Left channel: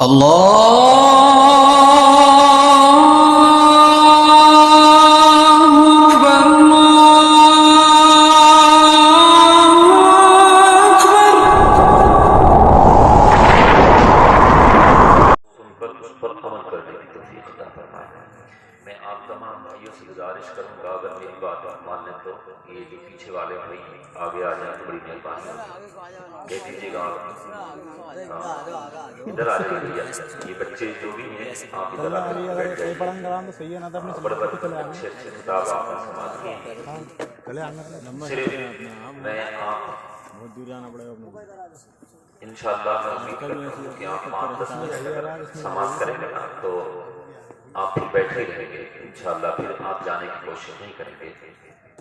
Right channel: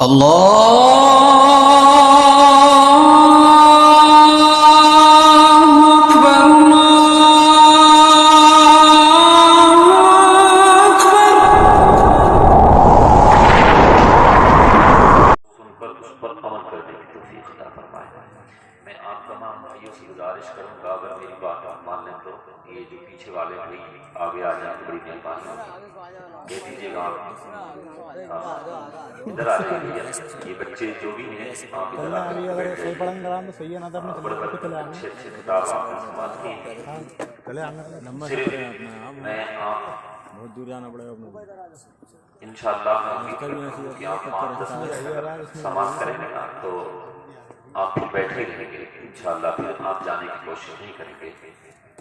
میں آپ تمام بھائیوں سے گزارش کروں گا اگر میری بات مان لیں تو یہ جو پیچھے والے بھائی آگے آ جائیں تو بڑی مہربانی ہوگی، کہہ دیجیے گا ادھر آ جائیے بھیا، یہ بچے جو بھی ہیں آپ ادھر آ کر بیٹھ جائیے، بڑے بڑے اچھے اچھے خطاب آپ نے سماعت کی، صرف میں آپ بہت دور جانا پڑے گا انشاءاللہ میں امید کرتا ہوں کہ آپ 5-10 منٹ سماعت کریں گے نا تو آپ پھر بیٹھے رہیں گے انشاءاللہ، پھر آپ جانے کی کوشش نہیں کریں گے۔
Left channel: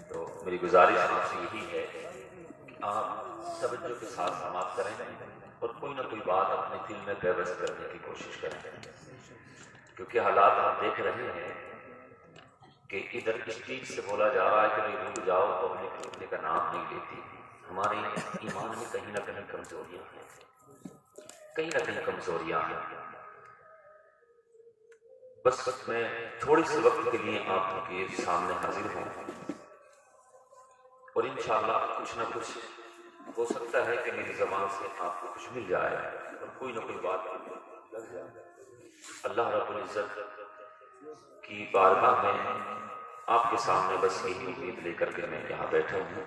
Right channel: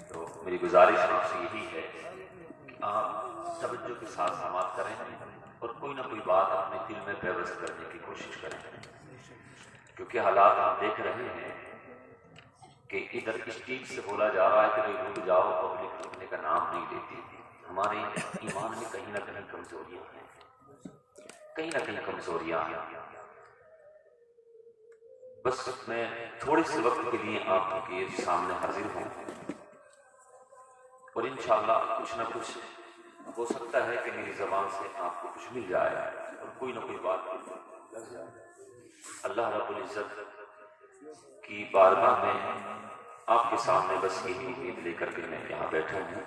تو میری گزارش آپ سے یہی ہے کہ آپ توجہ کے ساتھ سماعت کریں اور کوئی نہ کوئی بات اپنے دل میں پیوست کرنے کی کوشش کریں، کیونکہ حالات آپ دیکھ رہے ہیں کہ ادھر اسٹیج سے بولا جا رہا ہے کہ بھائی رک جاؤ، پبلک رکنے کا نام نہیں لیتی۔ ہمارے ایمان میں کہیں نہ کہیں کمزوریاں ہیں، کہیں نہ کہیں کمزوریاں ہیں۔ بس میں تھوڑے سے وقت کے لیے آپ کے سامنے حاضر ہوں اور انشاءاللہ کچھ نہ کچھ ہو سکتا ہے کہ میری زبان سے آپ کو کچھ مل جائے اور کوئی نہ کوئی بات لگ جائے۔ اللہ رب العزت کی بارگاہ میں آپ کے سامنے بس یہی امید لے کر کے میں یہاں بیٹھا ہوں۔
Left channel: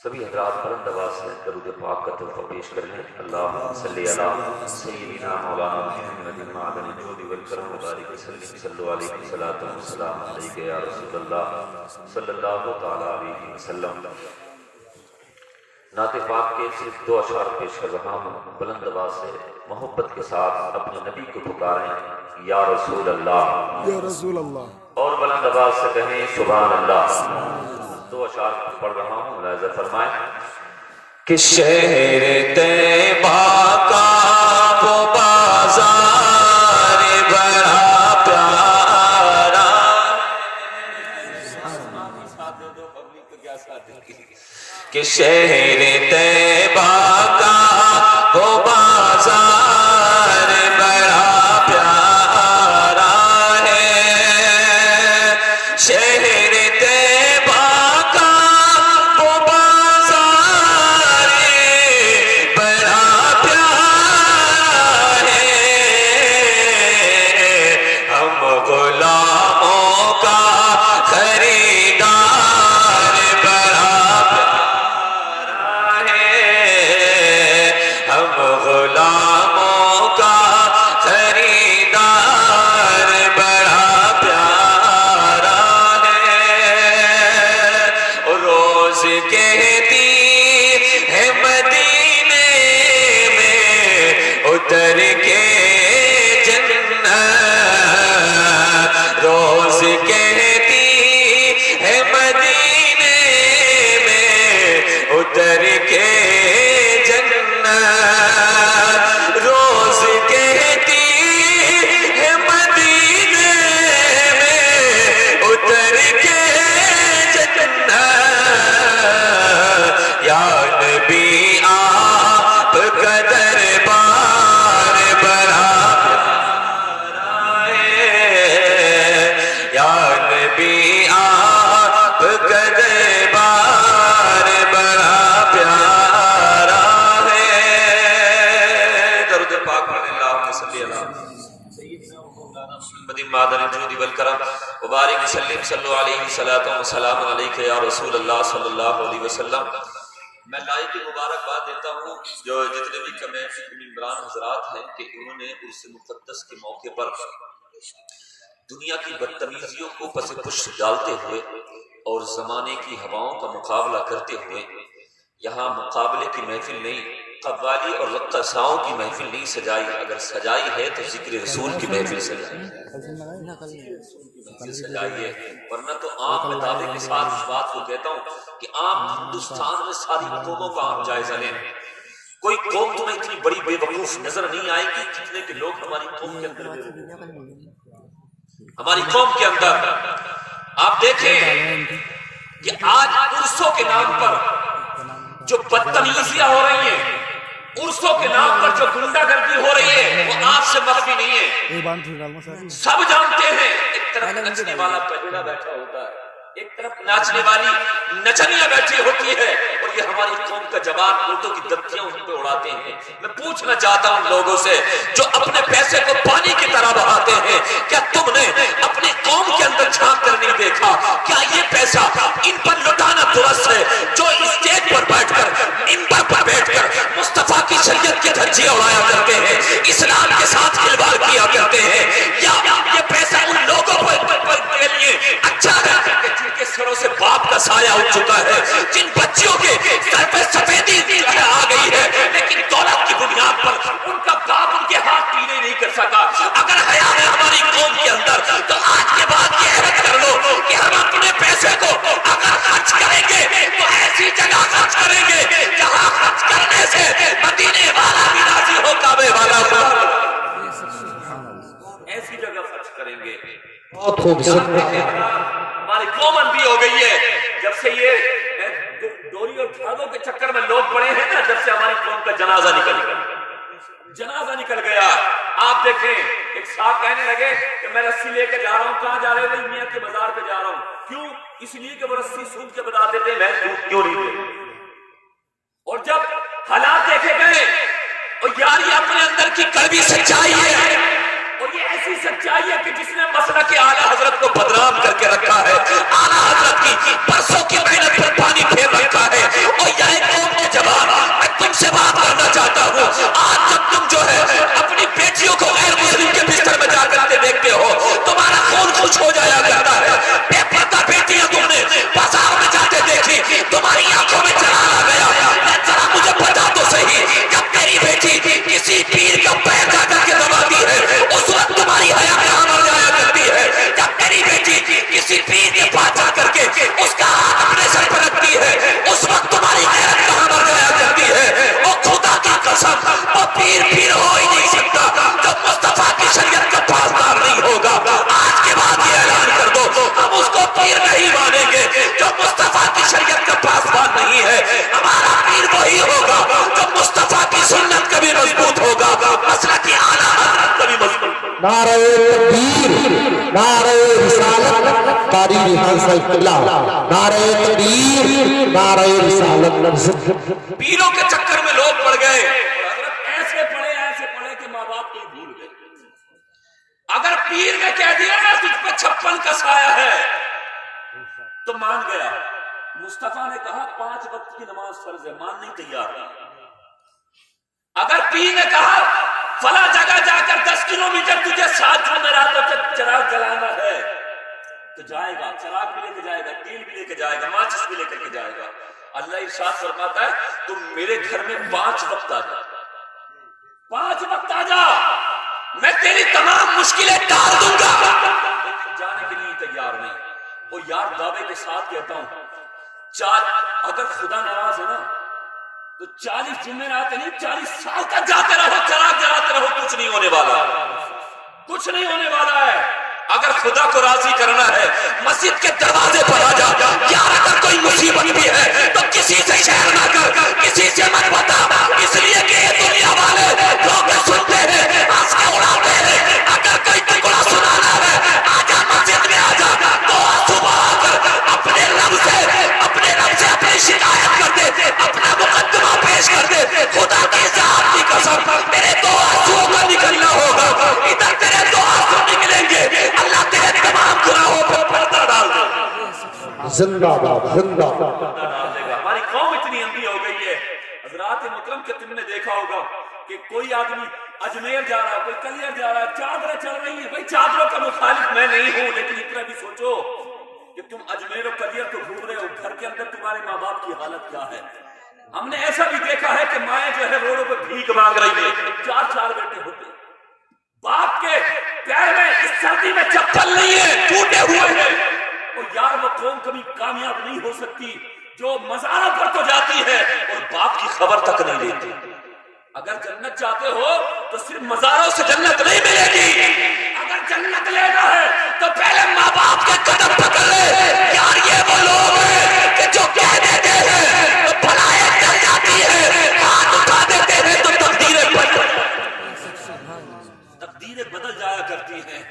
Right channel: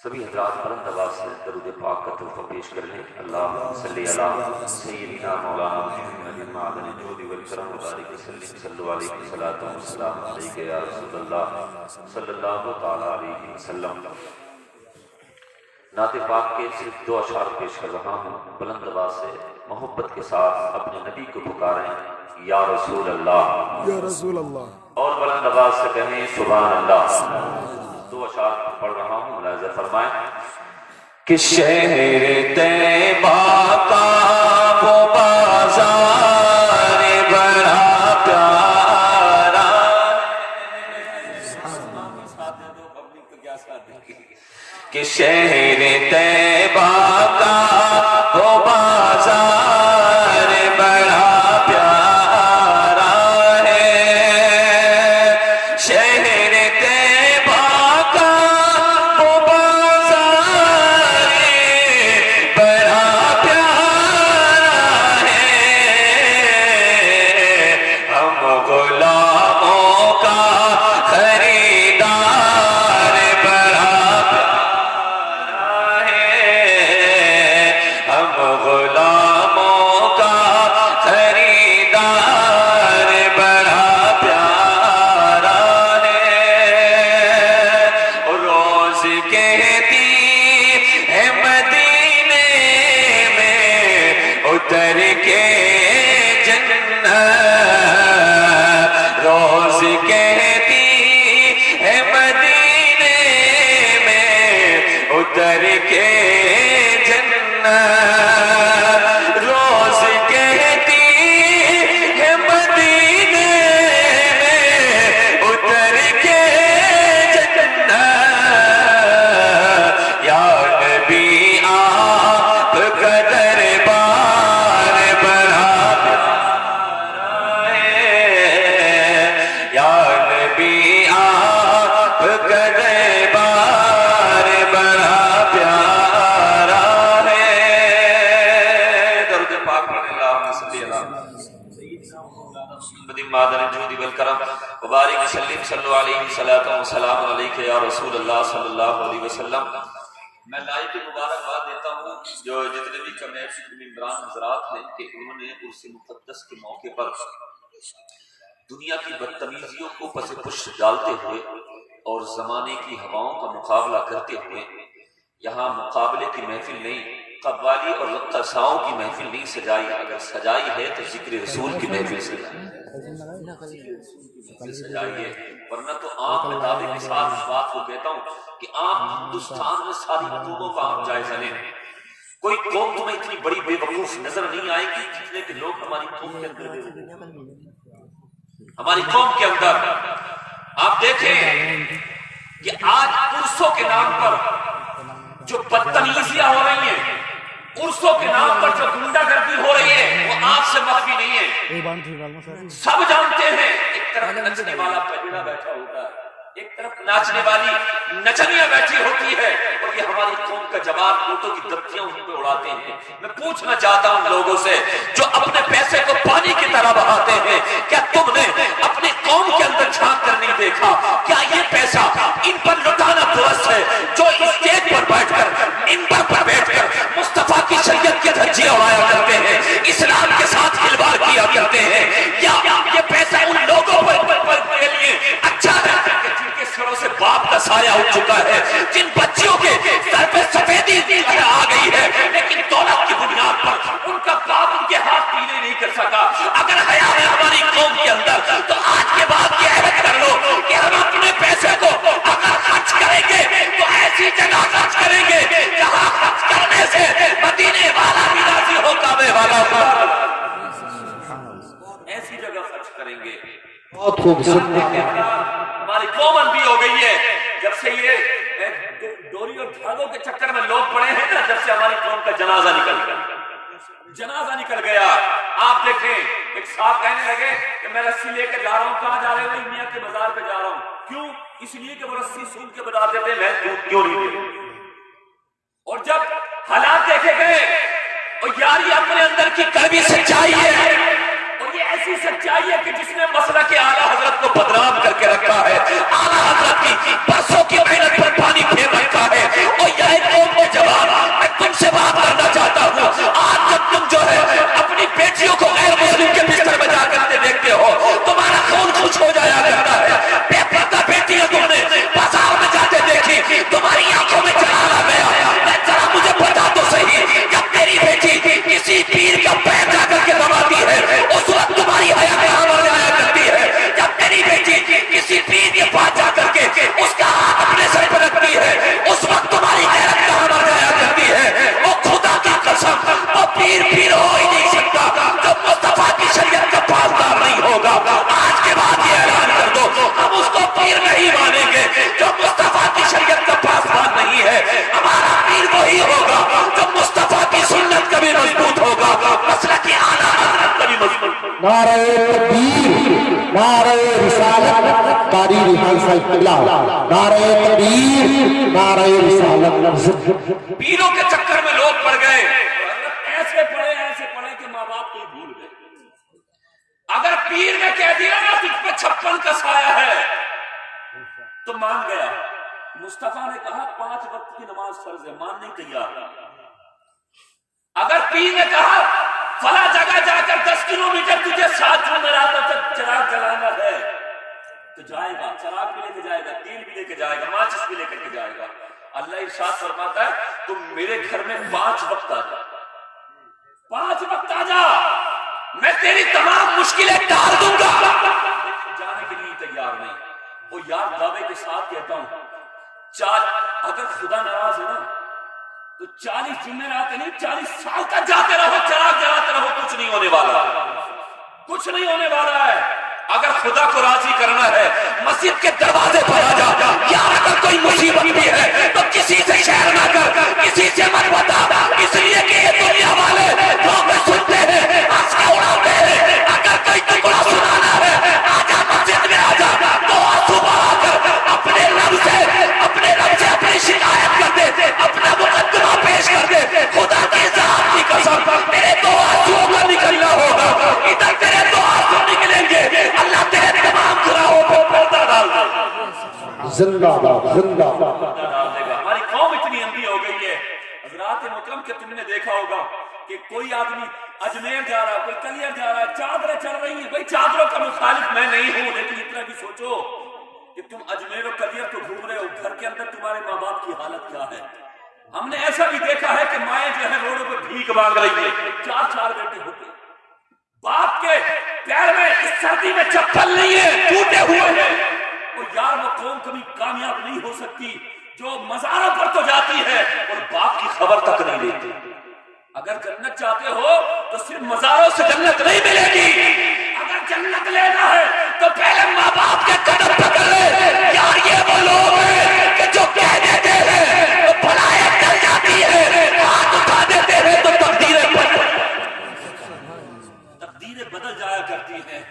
سبھی حضرات بلند آواز سے درود پاک کا تحفہ پیش کر لیں۔ اللہم صلی علی سیدنا مولانا محمد معدن الجود والکرم وبارک وسلم، صلو علیہ الصلوۃ والسلام علیک یا رسول اللہ صلی اللہ تعالی علیہ وسلم۔ نعت پاک کے صرف 2 اشعار پیش کر رہا ہوں، بلند آواز سے محبت کے ساتھ اپنے نبی کو پکاریں یا رسول اللہ، یا رسول اللہ، اور بلند آواز سے کہیں سبحان اللہ۔ 2 اشعار پڑھ رہا ہوں، ملاحظہ فرمائیں کہ شہر طیبہ کا وہ بازار بڑا پیارا کہ شہر طیبہ کا وہ بازار بڑا پیارا ہے، شہر طیبہ کا وہ بازار بڑا پیارا ہے، ہم غلاموں کا خریدار بڑا پیارا ہے، ہم غلاموں کا خریدار بڑا پیارا ہے، روز کہتی ہے مدینے میں اتر کے جنت، روز کہتی ہے مدینے میں اتر کے جنت، روز کہتی ہے مدینے میں اتر کے جنت، یا نبی آپ کا دربار بڑا پیارا ہے، یا نبی آپ کا دربار بڑا پیارا ہے۔ درود پاک پڑھیں، اللہم صلی علی سیدنا مولانا محمد معدن الجود والکرم وبارک وسلم، صلو علیہ الصلوۃ والسلام علیک یا رسول اللہ صلی اللہ علیہ وسلم۔ میں لائق مبارکباد دیتا ہوں جو جتنے بھی کمیٹی کے ممبران حضرات ہیں کہ انہوں نے عرس مقدس کے موقع پر دنیا کی بدتمیزیوں کو پس پش ڈالتے ہوئے اور زمانے کی ہواؤں کا مقابلہ کرتے ہوئے یہاں مقابلے کی محفل نہیں، قوالی اور رقصاؤں کی محفل نہیں سجائی، اگر سجائی ہے تو ذکر رسول کی محفل سجائی ہے، ورنہ تو عام میں دعوے کے ساتھ اس بات کو کہتا ہوں کہ آپ ہندوستان میں ساری قوموں کا آپ جائزہ لیں، کوئی قوم تمہیں اتنی بڑی بے وقوف نظر نہیں آئے گی جتنے کہ لوگ ہماری قوم کے اندر بے وقوف ہیں۔ ہماری قوم کے اندر آپ دیکھیں کہ آج عرسوں کے نام پر جو بدتمیزیاں ہو رہی ہیں، عرسوں کے نام پر جو گنڈا گردی ہو رہی ہے، سے مخفی نہیں ہے، یہ بان تھی ڈالما صاحب سب جانتے ہیں۔ ایک طرف نچنے والا پہلونا بیٹھا ہوتا ہے، ایک طرف ناچنے والی نچنیاں بیٹھی ہوتی ہے، اور یہ ہماری قوم کا جوان اونٹوں کی دبکیاں ان پہ اڑاتے ہیں۔ میں پوچھنا چاہتا ہوں لوگوں سے جو اپنے پیسے کو پانی کی طرح بہاتے ہیں، کیا تم نے اپنی قوم کے اندر جھانک کر نہیں دیکھا؟ کیا یہ پیسہ ان پر لٹانا درست ہے جو اسٹیج پر بیٹھ کر منبر پر بیٹھ کر مصطفیٰ کی شریعت کے دھجیاں اڑایا کرتے ہیں، اسلام کے ساتھ کھلواڑ کیا کرتے ہیں؟ یا یہ پیسہ ان لوگوں کے لیے اچھا ہے جن کے سروں سے باپ کا سایہ اٹھ چکا ہے، جن بچیوں کے سر پہ سفیدی آ گئی ہے، لیکن دولت کی بنیاد پر ان کا باپ ان کے ہاتھ پیلے نہیں کر سکا؟ اگر حیا ہے ہماری قوم کے اندر تو آج کے بعد یہ عہد کر لو کہ ہم اپنے پیسے کو اگر خرچ کریں گے تو ایسی جگہ خرچ کریں گے جہاں خرچ کرنے سے مدینے والا بھی راضی ہو، کعبے والا ایسی جگہ خرچ کریں گے۔ بہت خوبصورت ہماری قوم اندھی ہو گئی ہے جب سے یہ ڈوری اور دھاگوں کے چکر میں لوگ پڑے ہیں نا، جب سے ہماری قوم کا جنازہ نکل گیا۔ آپ دیکھیں ایک صاحب کہنے لگے کہ میں رسی لے کے جا رہا ہوں، کہاں جا رہے ہو؟ میاں کے مزار پہ جا رہا ہوں۔ کیوں؟ اس لیے کہ وہ رسی سود کے بتا دیتے میں کیوں نہیں دے۔ اور جب حالات دیکھے گئے اور یار یہ اپنے اندر کی کڑوی سچائی ہے، اور یہ ایسی سچائی ہے کہ جس نے مسلک اعلیٰ حضرت کو بدنام کر کے رکھا ہے، اعلیٰ حضرت کی برسوں کی محنت پر پانی پھیر رکھا ہے۔ اور یہ قوم کے جوان، میں تم سے بات کرنا چاہتا ہوں، آج جب تم جو ہے اپنی بیٹیوں کو غیر مسلم کے بستر میں جا کر دیکھتے ہو تمہارا خون خوش ہو جایا کرتا ہے۔ بے پردہ بیٹیاں تم نے بازار میں جاتے دیکھی، تمہاری آنکھوں میں جلال آ گیا۔ ذرا مجھے بتا تو صحیح، جب تیری بیٹی کسی پیر کا پیر جا کر کے دباتی ہے اس وقت تمہاری حیا کہاں مر جایا کرتی ہے؟ جب تیری بیٹی کسی پیر کے پاس جا کر کے اس کا ہاتھ اپنے سر پر رکھتی ہے اس وقت تمہاری غیرت کہاں مر جایا کرتی ہے؟ وہ خدا کی قسم وہ پیر ہو ہی نہیں سکتا جو مصطفیٰ کی شریعت کا پاسدار نہیں ہوگا۔ آج کے بعد یہ اعلان کر دو ہم اس کو پیر نہیں مانیں گے جو مصطفیٰ کی شریعت کا پاسدار نہیں ہے۔ ہمارا پیر وہی ہوگا جو مصطفیٰ کی سنت کا بھی مضبوط ہوگا، مسلک اعلیٰ حضرت کا بھی مضبوط ہوگا۔ نعرہ تکبیر، نعرہ رسالت، قاری ریحان صاحب قبلہ، نعرہ تکبیر، نعرہ رسالت۔ پیروں کے چکر میں لوگ پڑ گئے، حضرت ایسے پڑے کہ ماں باپ کو بھول گئے۔ اگر پیر نے کہہ دیا نا تجھ پہ 56 کا سایہ ہے تو مان گیا۔ مصطفیٰ نے کہا 5 وقت کی نماز فرض ہے، مان نہیں تیار۔ اگر پیر نے کہا فلاں جگہ جا کر 10 کلومیٹر تجھے 7 جمعراتوں تک چراغ جلانا ہے تو جائے گا، چراغ بھی لے کے جائے گا، تیل بھی لے کے جائے گا، ماچس بھی لے کر کے جائے گا۔ اللہ ارشاد فرماتا ہے تم میرے گھر میں 5 وقت آ جا، 5 وقت آ جا، میں تیری تمام مشکلیں ٹال دوں گا۔ جانے کے لیے تیار نہیں۔ وہ یار دعوے کے ساتھ کہتا ہوں اگر خدا ناراض ہے نا تو 40 جمعرات نہیں 40 سال تک جاتے رہو، چراغ جلاتے رہو، کچھ نہیں ہونے والا، کچھ نہیں ہونے والا ہے۔ اگر خدا کو راضی کرنا ہے مسجد کے دروازے پر آ جا۔ یار اگر کوئی مصیبت بھی ہے تو کسی سے شیئر نہ کر، کسی سے مت بتا، اس لیے کہ یہ دنیا والے لوگ سنتے ہیں، ہنس کے اڑاتے ہیں۔ اگر کوئی ٹکڑا سنانا ہے آ جا، مسجد میں آ جا، تو صبح آ کر اپنے رب سے اپنی شکایت کر دے، اپنا مقدمہ پیش کر دے۔ خدا کی ذات کی قسم تیرے 2 آنسوؤں کا نکلنا ہوگا، ادھر تیرے 2 آنسو نکلیں گے، اللہ تیرے تمام گناہوں پر پردہ ڈال دے گا، زندہ باد، زندہ باد۔ ڈال دے گا۔ ہماری قوم اتنی اندھی ہو گئی ہے حضرات محترم کہ تم نے دیکھا ہوگا کہ کوئی آدمی اجمیر جا رہا ہے، کوئی کلیئر جا رہا ہے، چادریں چڑھ رہی ہیں۔ بھائی چادروں کا مخالف میں نہیں ہوں، لیکن اتنا بھی سوچو کہ تم اجمیر اور کلیئر تو گھوم رہے ہو، گھر کے اندر تمہارے ماں باپ کی حالت کیا ہے؟ ہم نے ایسا بھی دیکھا ہے کہ مائیں جو ہے روڈوں پر بھیک مانگ رہی ہے، 4 بیٹے ہوتے ہیں، باپ کے پیر میں اس سردی میں چپل نہیں ہے، ٹوٹے ہوئے ہیں۔ اور یار وہ قوم کبھی کامیاب نہیں ہو سکتی جو مزاروں پر تو جاتی ہے اور باپ کی خبر تک نہیں لیتی۔ اگر جنت چاہتے ہو تو صرف مزاروں سے جنت نہیں ملے گی، اگر جنت لینا ہے تو پہلے ماں باپ کے قدم پکڑ لے۔ یار یہ وہ لوگ ہیں کہ جو کہہ دیتے ہیں تو بلائیں ٹل جاتی ہے، ہاتھ اٹھا دیتے ہیں تو تقدیریں تقدیریں بدل جایا کرتی ہیں.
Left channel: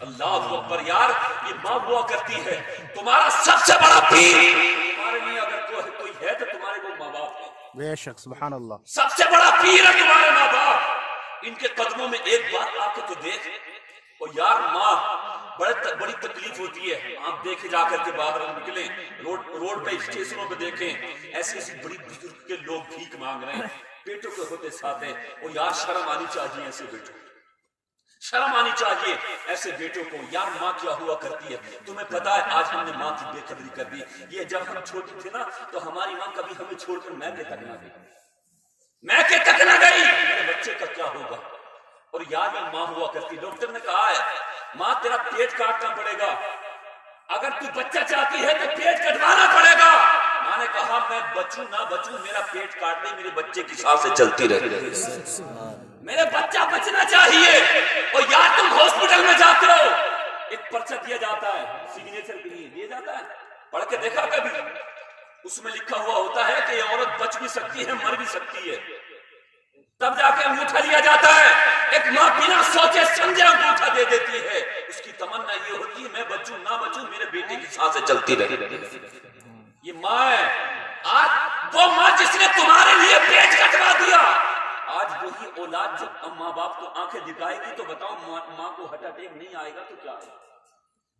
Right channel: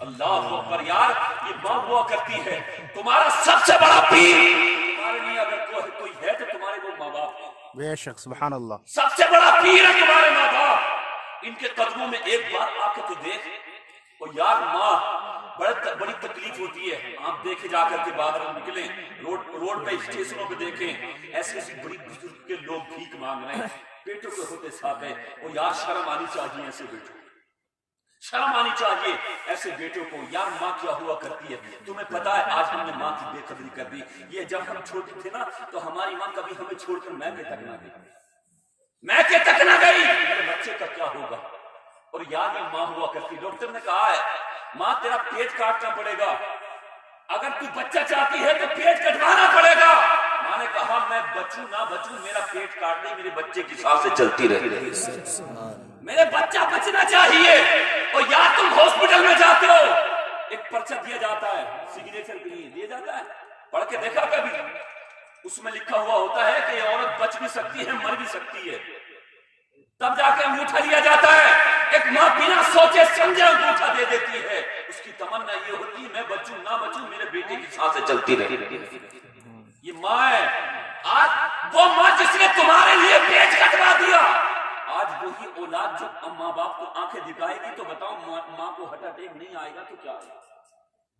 اللہ اکبر یار، یہ ماں ہوا کرتی ہے. تمہارا سب سے بڑا پیر تمہارے لیے اگر کوئی ہے تو تمہارے وہ ماں باپ ہیں. بے شک سبحان اللہ. سب سے بڑا پیر ہے تمہارے ماں باپ. ان کے قدموں میں ایک بار آ کے تو دیکھ. اور یار ماں بڑی تکلیف ہوتی ہے. آپ دیکھے جا کر کے باہر نکلیں روڈ پہ اسٹیشنوں پہ دیکھیں ایسی ایسی بڑی بزرگ کے لوگ بھیک مانگ رہے ہیں بیٹوں کے ہوتے ساتھ ہیں. اور یار شرم آنی چاہیے ایسے بیٹوں کو، شرم آنی چاہیے ایسے بیٹوں کو. یار ماں کیا ہوا کرتی ہے تمہیں پتا ہے. آج ہم نے ماں کی بے قدری کر دی. یہ جب ہم چھوٹے تھے نا تو ہماری ماں کبھی ہمیں چھوڑ کر میکے تک نہ گئی، میکے تک نہ گئی. میرے بچے کا کیا ہوگا؟ اور یار یہ ماں ہوا کرتی. ڈاکٹر نے کہا ہے ماں تیرا پیٹ کاٹنا پڑے گا، اگر تو بچہ چاہتی ہے تو پیٹ کٹوانا پڑے گا. ماں نے کہا میں بچوں نہ بچوں، میرا پیٹ کاٹ دے، میرے بچے کی سانسیں چلتی رہے، میرے بچہ بچنا چاہیے. اور یار تم ہاسپٹل میں جاتے ہو ایک پرچہ دیا جاتا ہے سگنیچر کے لیے، دیا جاتا ہے، پڑھ کے دیکھا کبھی؟ اس میں لکھا ہوا ہوتا ہے کہ یہ عورت بچ بھی سکتی ہے مر بھی سکتی ہے. تب جا کے انگوٹھا لیا جاتا ہے. ایک ماں بنا سوچے سمجھے انگوٹھا دے دیتی ہے. اس کی تمنا یہ ہوتی ہے میں بچوں نہ بچوں، میرے بیٹے کی سانسیں چلتی رہے. یہ ماں ہے. آج وہ ماں جس نے تمہارے لیے پیٹ کٹوا دیا، آج وہی اولاد جب ماں باپ کو آنکھیں دکھائے گی تو بتاؤ ماں کو ہارٹ اٹیک نہیں آئے گا تو کیا آئے گا؟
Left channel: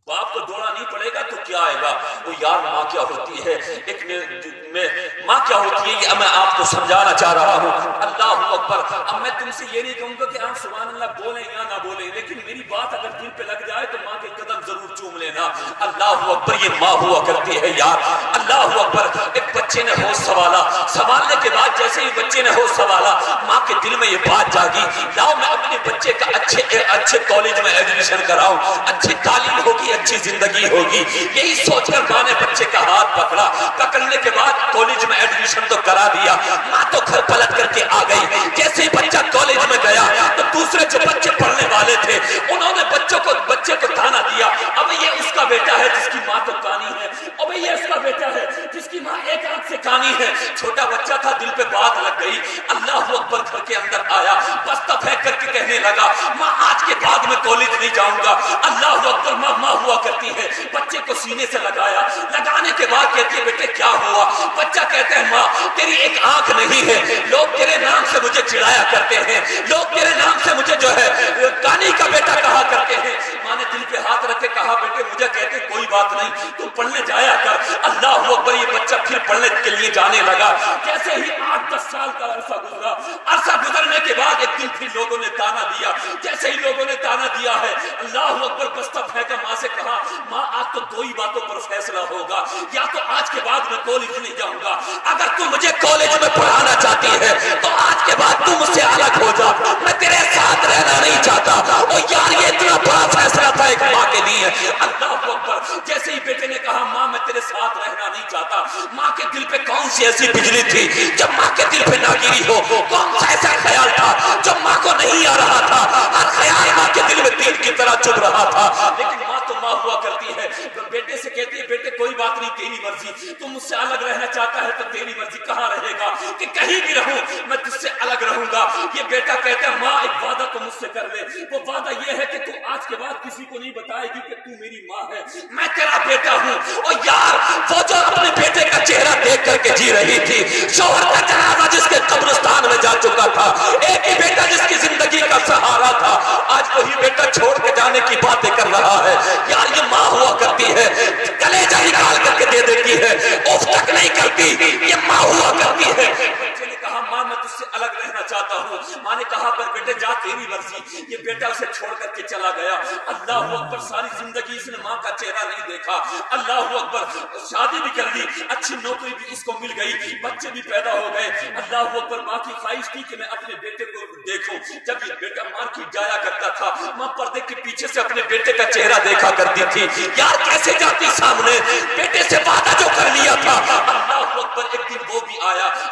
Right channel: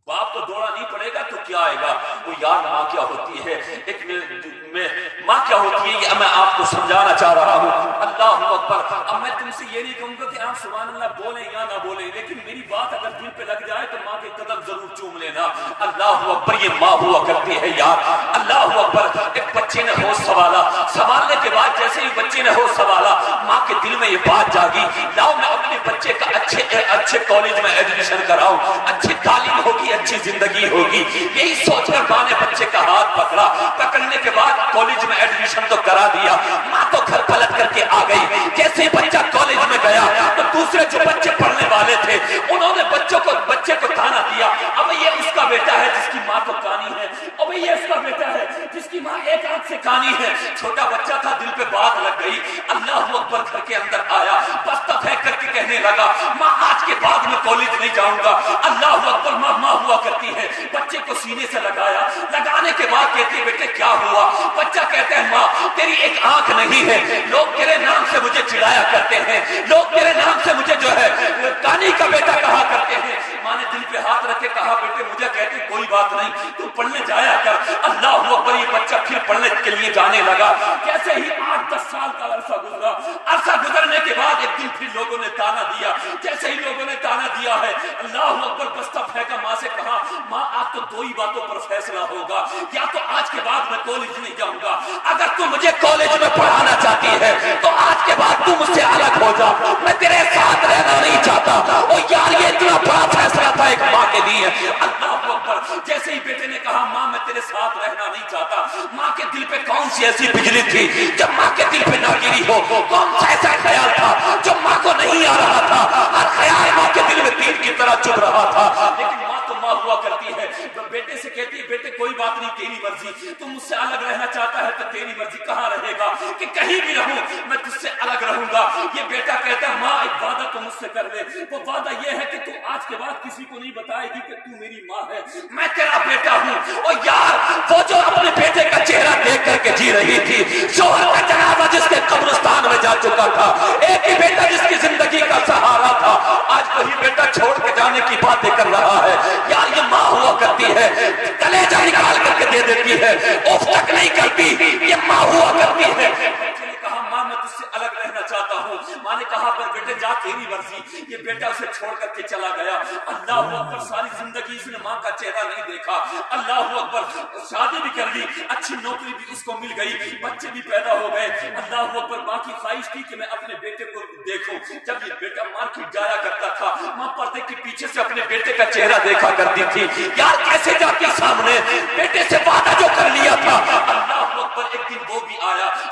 باپ کو دوڑا نہیں پڑے گا تو کیا آئے گا؟ وہ یار ماں کیا ہوتی ہے. ایک میں ماں کیا ہوتی ہے یہ میں آپ کو سمجھانا چاہ رہا ہوں. اللہ اکبر. اب میں تم سے یہ نہیں کہوں گا کہ آپ سبحان اللہ بولیں یا نہ بولیں، لیکن میری بات اگر دل پہ لگ جائے تو ماں کے قدم ضرور چوم لینا. اللہ اکبر. یہ ماں ہوا کرتی ہے یار. اللہ اکبر. ایک بچے نے ہوش سنبھالا، سنبھالنے کے بعد جیسے ہی بچے نے ہوش سنبھالا ماں کے دل میں یہ بات جاگی لاؤ میں اپنے بچے کا اچھے کالج میں ایڈمیشن کراؤں، اچھی تعلیم ہوگی، اچھی زندگی ہوگی. یہی سوچ کر ماں نے بچے کا ہاتھ پکڑا. پکڑنے کے بعد کالج میں ایڈمیشن تو کرا دیا. ماں تو گھر پلٹ کر کے آ گئی. جیسے بچہ کالج میں گیا تو دوسرے جو بچے پڑھنے والے تھے انہوں نے بچے کو تانا دیا اب یہ اس کا بیٹا ہے جس کی ماں تو کانی ہے، اب یہ اس کا بیٹا ہے جس کی ماں ایک آنکھ سے کانی ہے. چھوٹا بچہ تھا، دل پہ بات لگ گئی. اللہ اکبر. گھر کے اندر آیا، بستہ پھینک کر کے کہنے لگا ماں آج کے بعد میں کالج نہیں جاؤں گا. اللہ اکبر. ماں ہوا کرتی ہے. بچے کو سینے سے لگایا، لگانے کے بعد کہتی ہے بیٹے کیا ہوا؟ بچہ کہتا ہے ماں تیری ایک آنکھ نہیں ہے، لوگ تیرے نام سے مجھے چڑھایا کرتے ہیں، لوگ تیرے نام سے مجھے جو ہے کانی کا بیٹا کہا کرتے ہیں. ماں نے دل پہ ہاتھ رکھ کے کہا بیٹے مجھے کہتے کوئی بات نہیں، تم پڑھنے جایا کر. اللہ اکبر. یہ بچہ پھر پڑھنے کے لیے جانے لگا. جیسے ہی 8-10 سال کا عرصہ گزرا، عرصہ گزرنے کے بعد ایک دن پھر لوگوں نے تانا دیا. جیسے ہی لوگوں نے تانا دیا ہے اللہ اکبر بستہ پھینکا. ماں سے کہا ماں آج تو دو ہی باتوں پر فیصلہ ہوگا، یا تو آج کے بعد میں کالج نہیں جاؤں گا، اگر تم مجھے کالج میں پڑھانا چاہتی ہے تو آج کے بعد تم مجھ سے الگ ہو جا، میں تیرے ساتھ رہنا نہیں چاہتا. اور یار یہ اتنا بڑا فیصلہ تھا ایک ماں کے لیے. اللہ اکبر. جیسے ہی بیٹے نے کہا ماں میں تیرے ساتھ رہنا نہیں چاہتا، ماں کے دل پہ کون سی ایسی بجلی تھی جب ماں کے دل پہ نہ گری ہو؟ کون سا ایسا خیال تھا جو ماں کو نہیں آ رہا تھا؟ ہر خیال ماں کے دل میں تیر کی طرح چبھ رہا تھا. لیکن ماں تو ماں ہوا کرتی ہے. تو بیٹے سے کہتی ہے بیٹے کوئی بات نہیں، تیری مرضی، تم مجھ سے الگ رہنا چاہتا ہے تو تیری مرضی. کہاں رہے گا؟ کہ کہیں بھی رہوں میں تجھ سے الگ رہوں گا. یہ بیٹا کہتا ہے ماں ایک وعدہ تو مجھ سے کر لے. وہ وعدہ یہ ہے کہ تو آج کے بعد کسی کو نہیں بتائے گی کہ تو میری ماں ہے، میں تیرا بیٹا ہوں. اور یار وہ جو اپنے بیٹے کا چہرہ دیکھ کر کے جی رہی تھی، شوہر کا جنازہ جس کے قبرستان میں جا چکا تھا، ایک ہی بیٹا جس کی زندگی کا سہارا تھا، آج وہی بیٹا چھوڑ کے جانے کی باتیں کر رہا ہے. یار یہ ماں ہوا کرتی ہے، کلیجہ نکال کر کے دے دیتی ہے، اف تک نہیں کرتی. یہ ماں ہوا کرتی ہے. بچے نے کہا ماں میں تجھ سے الگ رہنا چاہتا ہوں. ماں نے کہا بیٹے جا تیری مرضی. یہ بیٹا اسے چھوڑ کر کے چلا گیا. اللہ اکبر. ساری زندگی اس نے ماں کا چہرہ نہیں دیکھا. اللہ اکبر. شادی بھی کر لی، اچھی نوکری بھی اس کو مل گئی، بچے بھی پیدا ہو گئے. اللہ اکبر. ماں کی خواہش تھی کہ میں اپنے بیٹے کو دیکھوں. جب یہ بیٹا مارکیٹ جایا کرتا تھا ماں پردے کے پیچھے سے اپنے بیٹے کا چہرہ دیکھا کرتی تھی. یار کیسے جاتی سامنے بیٹے سے وعدہ جو کر لیا تھا. اللہ اکبر. ایک دن وہ بھی آیا.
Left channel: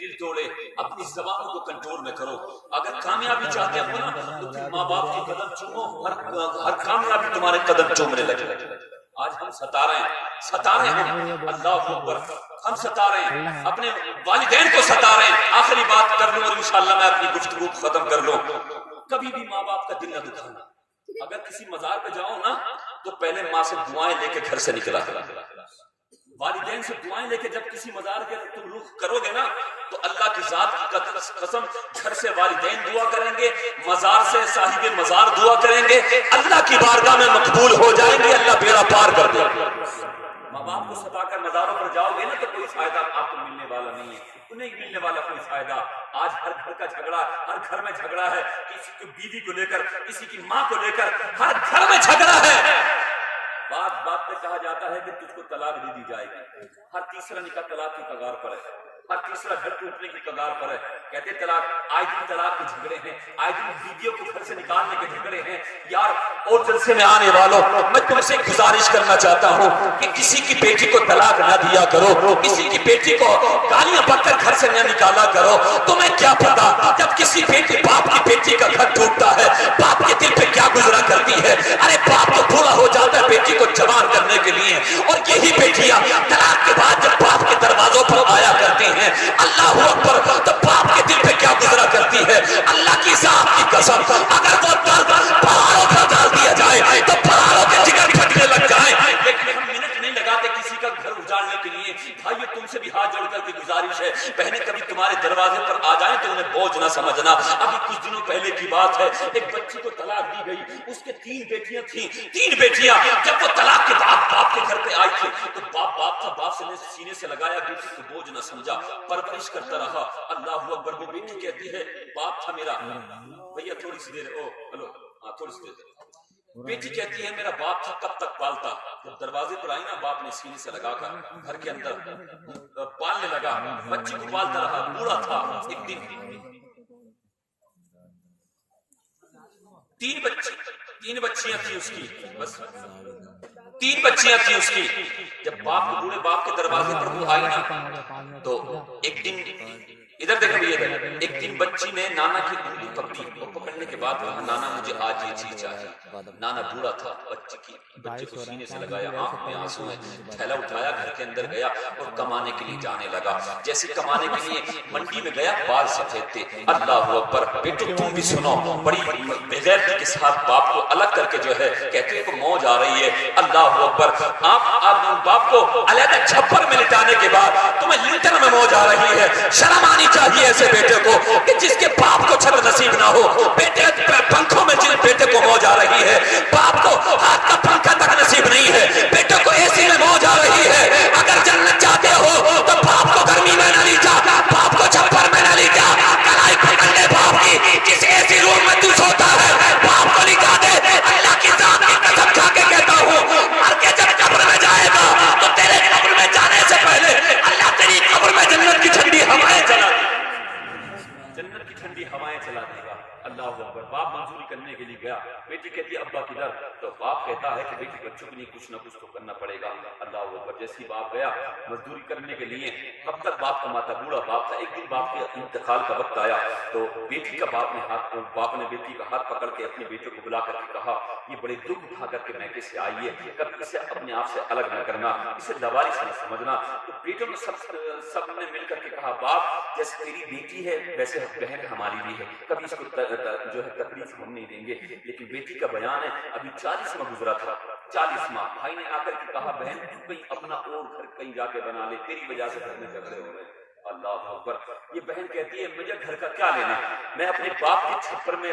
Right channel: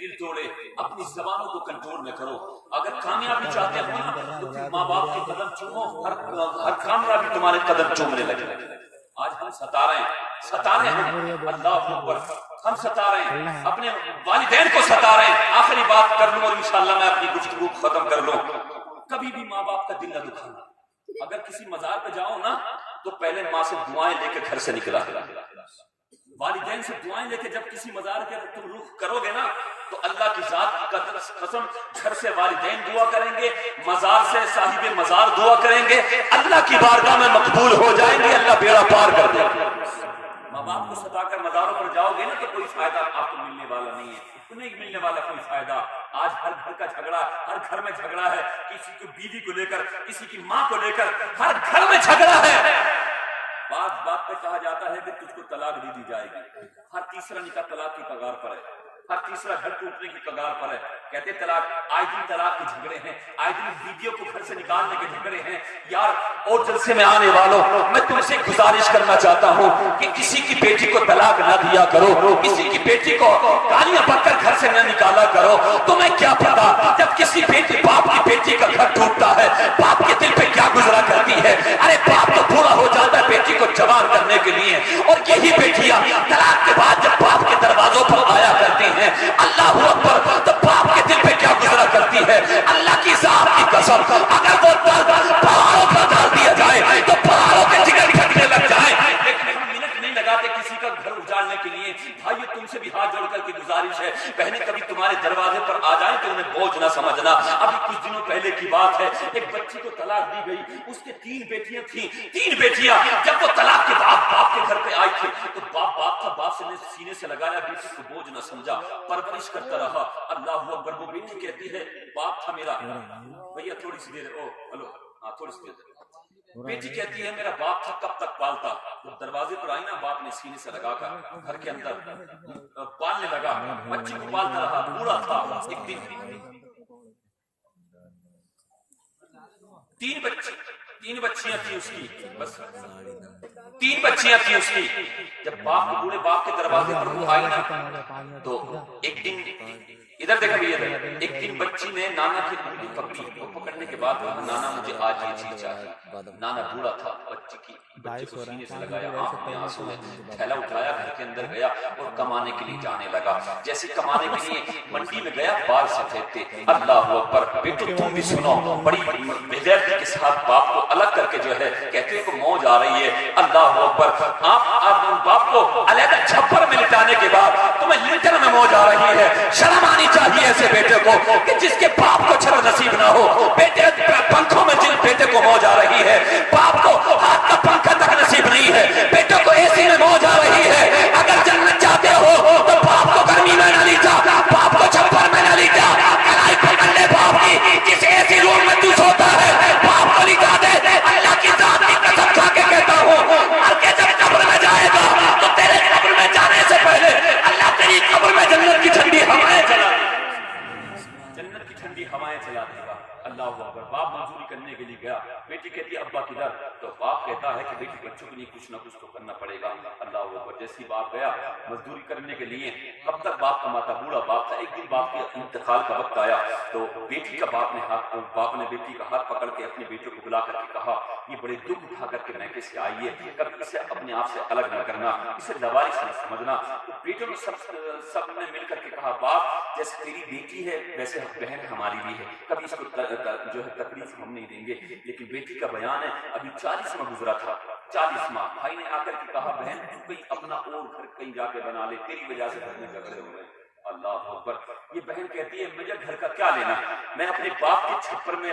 دل توڑے، اپنی زبانوں کو کنٹرول میں کرو. اگر کامیابی چاہتے ہو نا تو پھر ماں باپ کے قدم چومو، ہر کامیابی تمہارے قدم چومنے لگے. آج ہم ستا رہے ہیں اللہ اکبر، ہم ستا رہے ہیں اپنے والدین کو ستا رہے ہیں. آخری بات کر لوں اور انشاءاللہ میں اپنی گفتگو ختم کر لوں. کبھی بھی ماں باپ کا دل نہ دکھانا. اگر کسی مزار پہ جاؤ نا تو پہلے ماں سے دعائیں لے کے گھر سے نکلا، والدین سے دعائیں لے کے جب کسی مزار کے تم رخ کرو گے نا تو اللہ کی ذات کی قسم گھر سے والدین دعا کریں گے، مزار سے صاحب مزار دعا کریں گے، اللہ کی بارگاہ میں مقبول ہو جائیں گے، اللہ بیڑا پار کر دے. ماں باپ کو ستا کر مزاروں پر جاؤ گے نا تو کوئی فائدہ آپ کو ملنے والا نہیں ہے، نہیں ملنے والا کوئی فائدہ. آج ہر گھر کا جھگڑا، ہر گھر میں جھگڑا ہے، کسی کی بیوی کو لے کر، کسی کی ماں کو لے کر، ہر گھر میں جھگڑا ہے. بات پہ کہا جاتا ہے کہ تجھ کو طلاق دے دی جائے گی. ہر تیسرا نکاح طلاق کی کگار پر ہے، ہر تیسرا گھر ٹوٹنے کی کگار پر ہے. کہتے طلاق، آئے دن طلاق کے جھگڑے ہیں، آئے دن بیویوں کو گھر سے نکالنے کے جھگڑے ہیں. یار اور جلسے میں آنے والوں، میں تم سے گزارش کرنا چاہتا ہوں کہ کسی کی بیٹی کو طلاق نہ دیا کرو، کسی کی بیٹی کو گالیاں بک کر گھر سے نہ نکالا کرو. تمہیں کیا پتا جب کسی بیٹی باپ کی بیٹی کا گھر ٹوٹتا ہے باپ کے دل پہ کیا گزرا کرتی ہے. ارے باپ تو بوڑھا ہو جاتا ہے بیٹی کو جوان کرنے کے لیے، اور یہی بیٹیاں طلاق کے بعد جب باپ کے دروازوں پر آیا کرتی ہیں اللہ اکبر تو باپ کے دل پہ کیا گزرا کرتی ہے. اللہ کی ذات کی قسم اگر وہ درد پہاڑوں پر ڈال دیا جائے تو پہاڑوں کے جگر پھٹنے لگ جائیں. لیکن ہم منٹ نہیں لگاتے کسی کا گھر اجاڑنے کے لیے. بھائیو تم سے بھی ہاتھ جوڑ کر کے گزارش ہے، بہنیں کبھی تمہارے دروازے پر آ جائیں تو انہیں بوجھ نہ سمجھنا. ابھی کچھ دنوں پہلے کی بات ہے، ایک بچی کو طلاق دی گئی، اس کے 3 بیٹیاں تھیں. 3 بیٹیاں جب وہ طلاق کے بعد باپ کے گھر پہ آئی تھی تو باپ تھا، باپ سے نے سینے سے لگایا، بیٹی کو بوجھ نہ سمجھا، پرورش کرتا رہا. اللہ اکبر. وہ بیٹی کہتی ہے باپ تھا میرا، بھیا تھوڑی سی دیر، تھوڑی سی دیر. بیٹی کہتی ہے میرا باپ تھا، کب تک پالتا. جب دروازے پر آئی نا باپ نے سینے سے لگا کر گھر کے اندر پالنے لگا، بچی کو پالتا رہا، بوڑھا تھا. ایک دن 3 بچیاں تھیں اس کی، بس 3 بچیاں تھیں اس کی. جب باپ کو بوڑھے باپ کے دروازے پر وہ آئی نا تو ایک دن ادھر دیکھا بھی ادھر، ایک دن بچی نے نانا کی انگلی پکڑی. وہ پکڑنے کے بعد نانا مجھے آج یہ چیز چاہیے. نانا بوڑھا تھا، بچے کو سینے سے لگایا، آنکھ میں آنسو ہے، تھیلا اٹھایا، گھر کے اندر گیا اور کمانے کے لیے جانے لگا. جیسے کمانے کے لیے منڈی میں گیا، بال سفید تھے. اللہ اکبر. بیٹو تم بھی سنو، بڑی بغیرتی کے ساتھ باپ کو الگ کر کے جو ہے کہتے ہیں کہ موج آ رہی ہے. اللہ اکبر. آپ باپ کو علیحدہ چھپر میں لٹانے کے بعد تمہیں لنٹن میں موج آ رہی ہے. شرم آنی چاہیے ایسے بیٹے کو کہ جس کے باپ کو چھت نصیب نہ ہو. بیٹے پنکھوں میں جن بیٹے کو موج آ رہی ہے، باپ کو ہاتھ کا پنکھا تک نصیب نہیں ہے، بیٹے کو اے سی میں موج آ رہی ہے. اگر جنت چاہتے ہو تو باپ کو گرمی میں نہ لے جا، باپ کو چھپر میں نہ لے جا. کلائی پکڑ لے باپ کی، جس ایسی روم میں تو سوتا ہے باپ کو لٹا دے. اللہ کی ذات کی قسم کھا کے کہتا ہوں، مر کے جب قبر میں جائے گا تو تیرے قبر میں جانے سے پہلے اللہ تیری قبر میں جنت کی ٹھنڈی ہوائیں چلا دے گا، جنت کی ٹھنڈی ہوائیں چلا دے گا. اللہ اکبر. باپ منظوری کرنے کے لیے گیا. بیٹی کہتی ہے ابا کدھر؟ تو باپ کہتا ہے کہ بیٹی بچوں کے لیے کچھ نہ کچھ تو کرنا پڑے گا. اللہ اکبر. جیسے ہی باپ گیا مزدوری کرنے کے لیے، کب تک باپ کماتا، بوڑھا باپ تھا. ایک دن باپ کے انتقال کا وقت آیا تو بیٹی کا باپ نے بیٹی کا ہاتھ پکڑ کے اپنے بیٹے کو بلا کر کے کہا یہ بڑے دکھ اٹھا کر کے میکے سے آئی ہے، کبھی اسے اپنے آپ سے الگ نہ کرنا، اسے لوارث نہ سمجھنا. تو بیٹوں نے سب نے مل کر کے کہا باپ جیسے تیری بیٹی ہے ویسے بہن ہماری بھی ہے، کبھی اس کو جو ہے تکلیف ہم نہیں دیں گے. لیکن بیٹی کا بیان ہے ابھی 40 ماہ گزرا تھا، 40 ماہ. بھائی نے آ کر کے کہا بہن تو کہیں اپنا اور گھر کہیں جا کے بنا لے، تیری وجہ سے گھر میں جھگڑے ہو رہے ہیں. اللہ اکبر. یہ بہن کہتی ہے مجھے گھر کا کیا لینا، میں اپنے باپ کے چھپر میں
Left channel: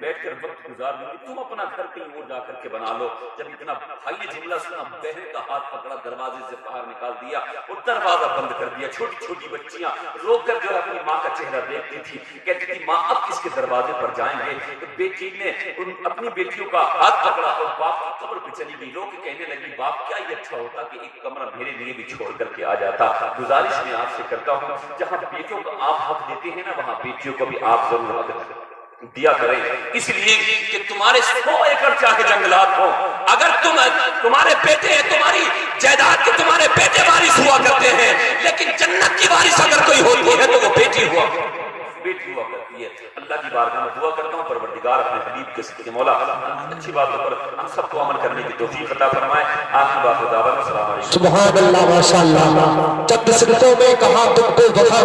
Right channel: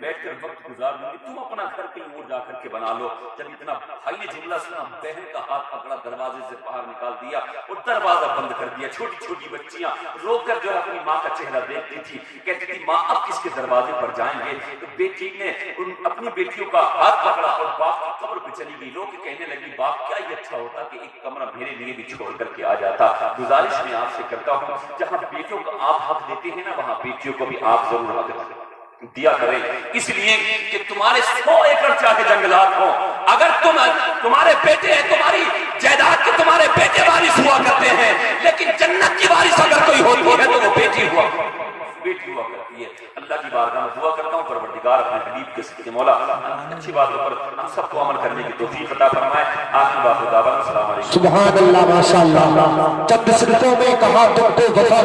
بیٹھ کر وقت گزار دوں گی، تم اپنا گھر کہیں اور جا کر کے بنا لو. جب اتنا بھائی نے جملہ سنا، بہن کا ہاتھ پکڑا، دروازے سے باہر نکال دیا اور دروازہ بند کر دیا. چھوٹی چھوٹی بچیاں رو کر جو اپنی ماں کا چہرہ دیکھتی تھی، کہتی تھی ماں اب کس کے دروازے پر جائیں گے. تو بیٹی نے اپنی بیٹیوں کا ہاتھ پکڑا اور باپ کی قبر پہ چلی گئی. رو کے کہنے لگی باپ کیا یہ اچھا ہوتا کہ ایک کمرہ میرے لیے بھی چھوڑ کر کے آ جاتا. گزارش میں آپ سے کرتا ہوں جہاں بیٹوں کو آپ حق دیتے ہیں نا وہاں بیٹیوں کو بھی آپ ضرور حق دیں. دیا کرے، اس لیے کہ تمہارے 100 ایکڑ چاہے جنگلات ہوں، اگر تمہارے بیٹے ہیں، تمہاری جائیداد کے تمہارے بیٹے وارث ہوا کرتے ہیں، لیکن جنت کی وارث اگر کوئی ہوتی ہے تو وہ بیٹی ہوا کرتی ہے۔ اللہ کی بارگاہ میں دعا کرتا ہوں پروردگار اپنے حبیب کے صدقے مولا اچھی باتوں پر ہم سب کو عمل کرنے کی توفیق عطا فرمائے۔ آخری بات دعوت، السلام علیکم۔ سبحان اللہ، ماشاء اللہ، چند صدقوں میں کہا تم کو وفا